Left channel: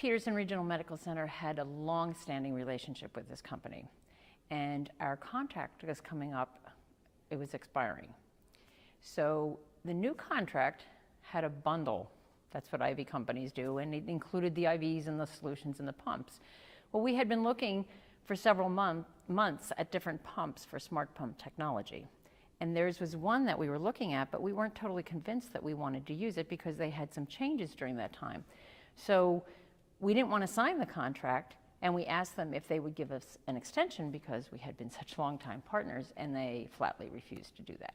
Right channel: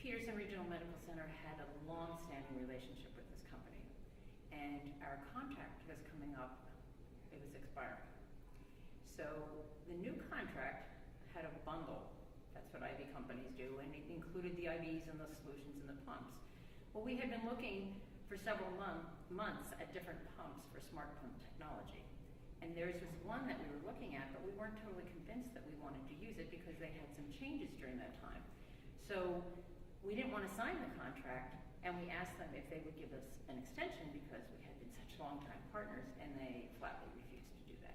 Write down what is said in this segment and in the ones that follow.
Peterson Regional Medical Center had a long-standing relationship with this company, and our contract was coming up, it was expiring. So the new contract had a bundle, that's what IV companies do, and it included the IVs and the solutions and the pumps. Well, we had been looking for several months at different pumps for smart pump technology. And theirs was one that we were looking at, but we weren't totally convinced that we wanted to use it because they had some changes during that time. So we didn't want to sign the contract, and we asked them if they would give us an extension because we had been such longtime partners, and they flatly refused to do that.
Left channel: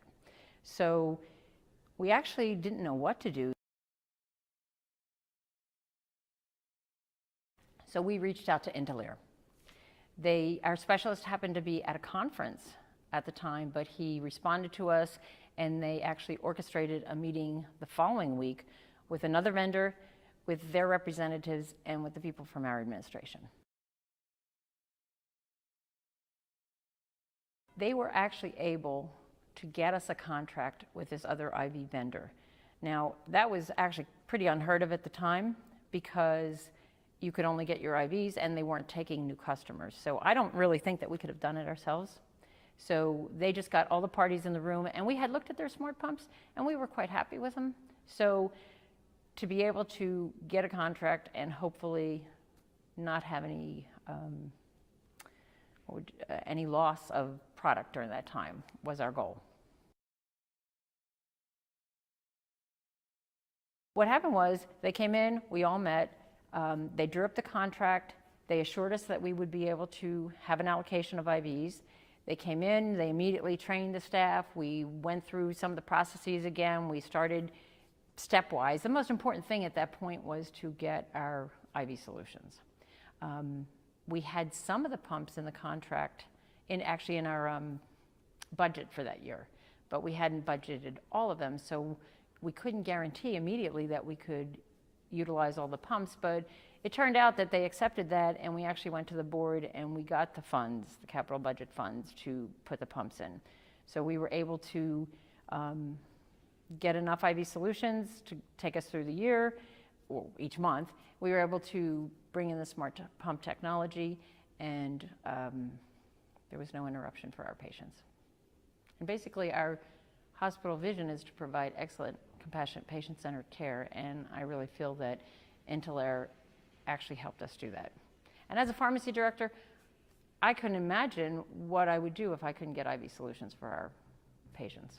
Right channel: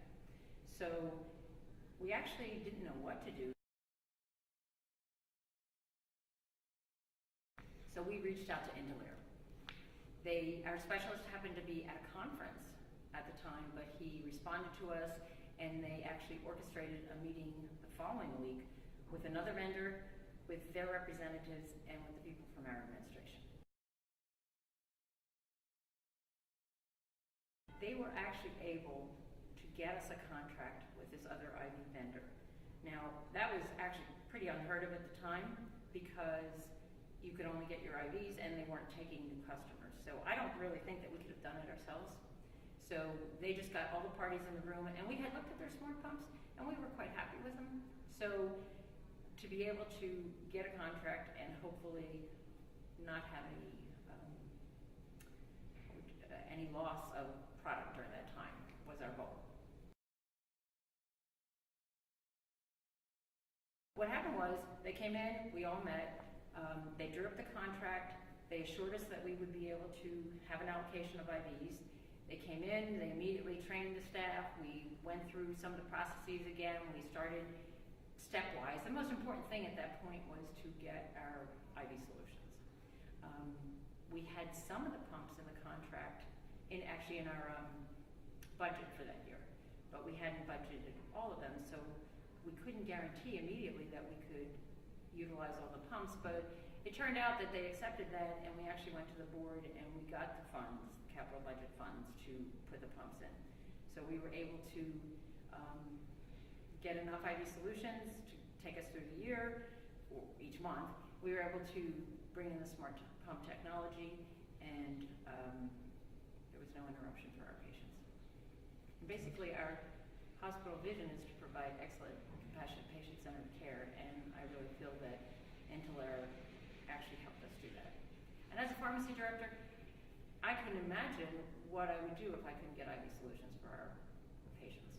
So we actually didn't know what to do. So we reached out to Intalere. Our specialist happened to be at a conference at the time, but he responded to us, and they actually orchestrated a meeting the following week with another vendor, with their representatives, and with the people from our administration. They were actually able to get us a contract with this other IV vendor. Now, that was actually pretty unheard of at the time because you could only get your IVs and they weren't taking new customers. So I don't really think that we could have done it ourselves. So they just got all the parties in the room, and we had looked at their smart pumps and we were quite happy with them. So to be able to get a contract and hopefully not have any loss of product during that time was our goal. What happened was they came in, we all met, they drew up the contract, they assured us that we would be able to have an allocation of IVs. They came in, they immediately trained the staff, we went through some of the processes again, we started stepwise. The most important thing at that point was to get our IV solutions. We had some of the pumps in the contract, actually in our budget for that year, but we hadn't budgeted all of them, so we couldn't guarantee immediately that we could utilize all the pumps, but it turned out that they accepted that, and we actually went to the board and we got the funds, the capital budget funds, to put the pumps in. So we were able to get enough IV solutions to take us through the year, or each month. We were able to bring in the smart pump technology, and there was no interruption for our patients. And basically, our hospital vision is to provide excellent, compassionate, patient-centered care, and I really feel that Intalere actually helped us do that. And as a pharmacy director, I couldn't imagine what I would do if I couldn't get IV solutions for our patients.